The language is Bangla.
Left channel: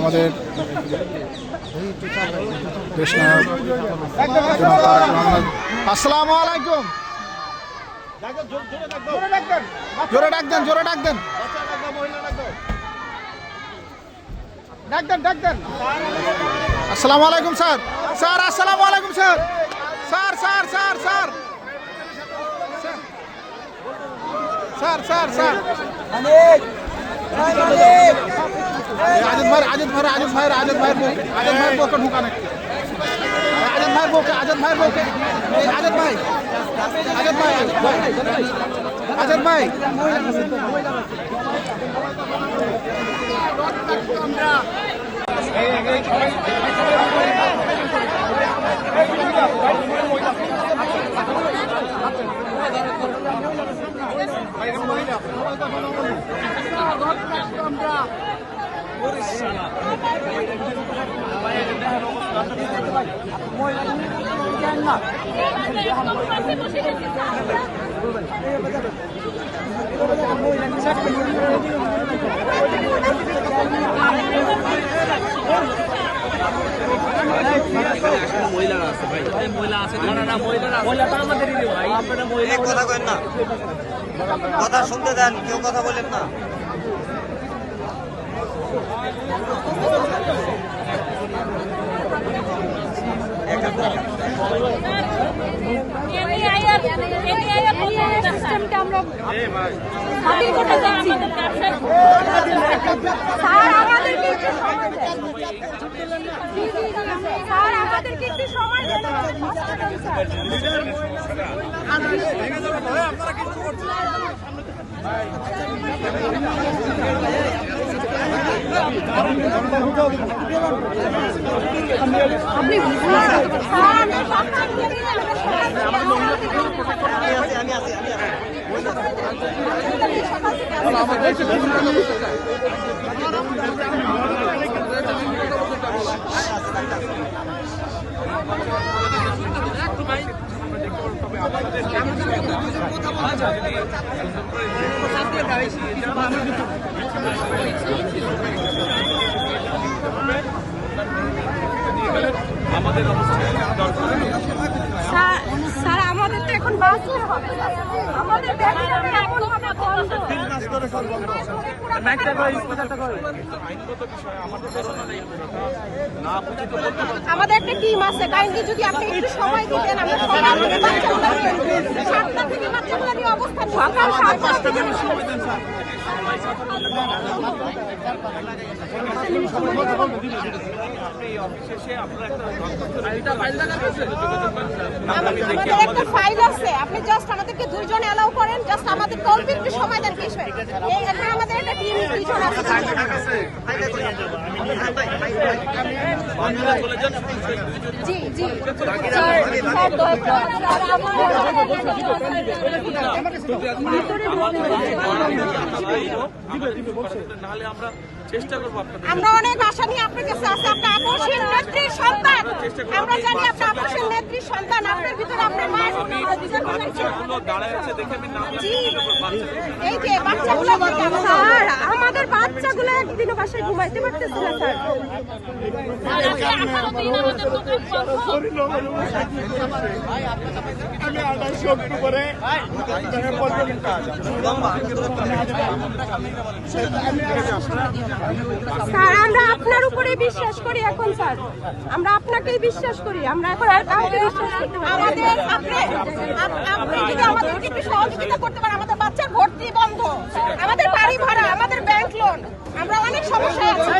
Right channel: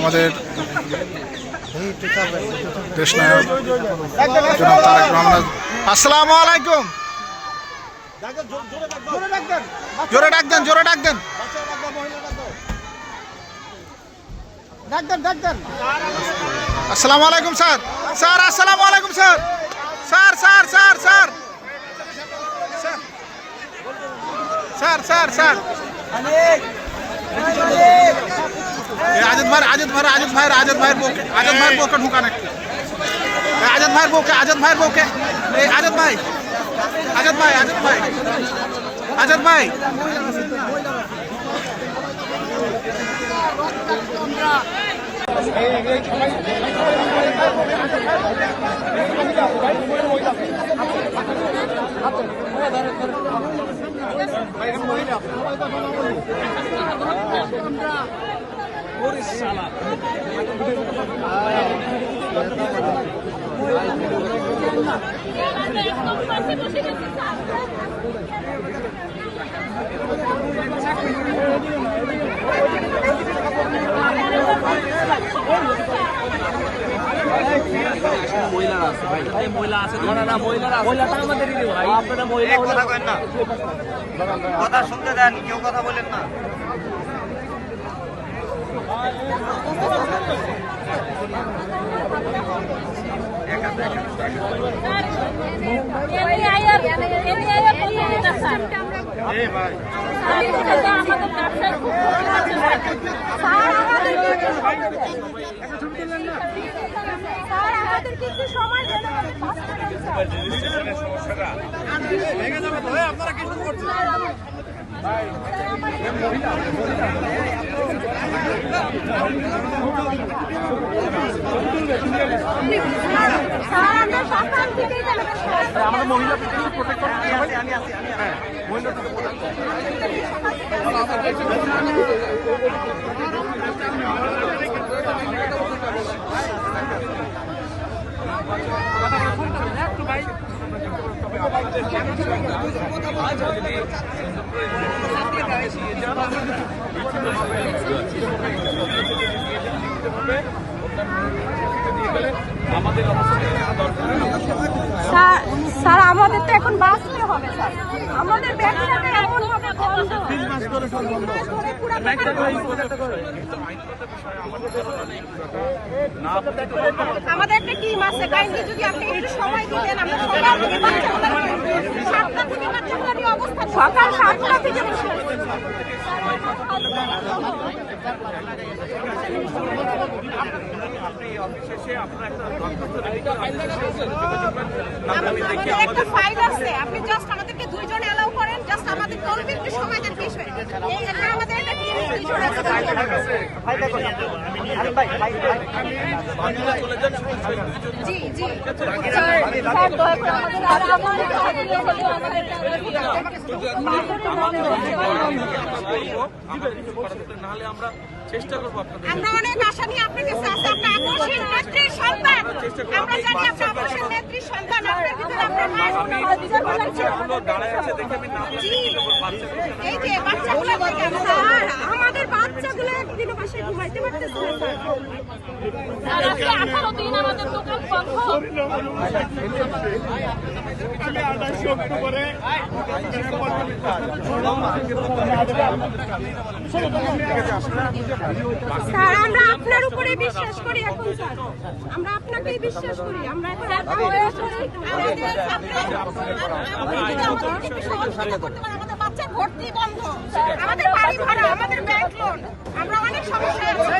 আমাদের দেশ নায়ক জনাব তারেক রহমান। আসসালামু আলাইকুম। জোরে ডাক দেন, জোরে ডাক দেন। আসসালামু আলাইকুম স্যার। স্যার আসসালামু আলাইকুম sir. Sir sir sir sir sir sir sir Azad भाई बोके ढुकाने आजद भाई बोके आजद भाई কথা কেন না, কথা শুনতে দেন, কেউ কথা বলেন না। আমি আছি তবে আপনাদের যে বিষয়টা আপনারা যদি সুন্দর করে লিখিতভাবে নিয়ে গেলে আমাদের অবশ্যই দরকার। স্যার আমাদের তো এখন বাঁচতে হবে, আমাদের আমাদের একটা টিম আছে, কাইন্ডলি যদি আপনি একটু সময় দিতেন আমরা সকাল থেকে বাচ্চাগুলো নিয়ে অবস্থান সকাল 7টা থেকে আপনি অফিসে এসে আপনারা একটা দরখাস্ত রেডি করে অফিসের সাথে যোগাযোগ করেন। আমি দেখি একটা ফাইল আছে, আপনি জাস্ট আমাদেরকে দুইজন এলাও করেন, জাস্ট আমাদের কলপে একটু সময় দেন। বিষয় এই এখানে আমাদের একটা টিম দুইজন আছে। জি জি স্যার স্যার দয়া করে নাহলে আমরা চেষ্টা করবো আপনাদের। আমরা অনেক আশা নিয়ে আপনার কাছে আছে, আপনি আকর্ষণ নেত্রী সন্তান, আমরা জানি আপনি আকর্ষণ নেত্রী সন্তান, আপনার ভিতরে আপনার মা বাচ্চাগুলো দাঁড়ায় আছে দেখে আমি নাম এই যে বাচ্চাগুলো স্যার আমাদের বাচ্চাগুলো একদিনও বাসায় ঘুমাইতে পারতেছে না স্যার। স্যার আমরা আপনার উপরে বিশ্বাস করি এখন স্যার, আমরা আপনাকেই বিশ্বাস করি। আমরা এখন আমাদেরকে একটু সহযোগিতা করতে পারেন, আমাদের বাচ্চার ভর্তি বন্ধ, আমাদের বাড়ি ভাড়া, আমাদের ব্যাংক লোন, আমরা অনেক সমস্যা আছে।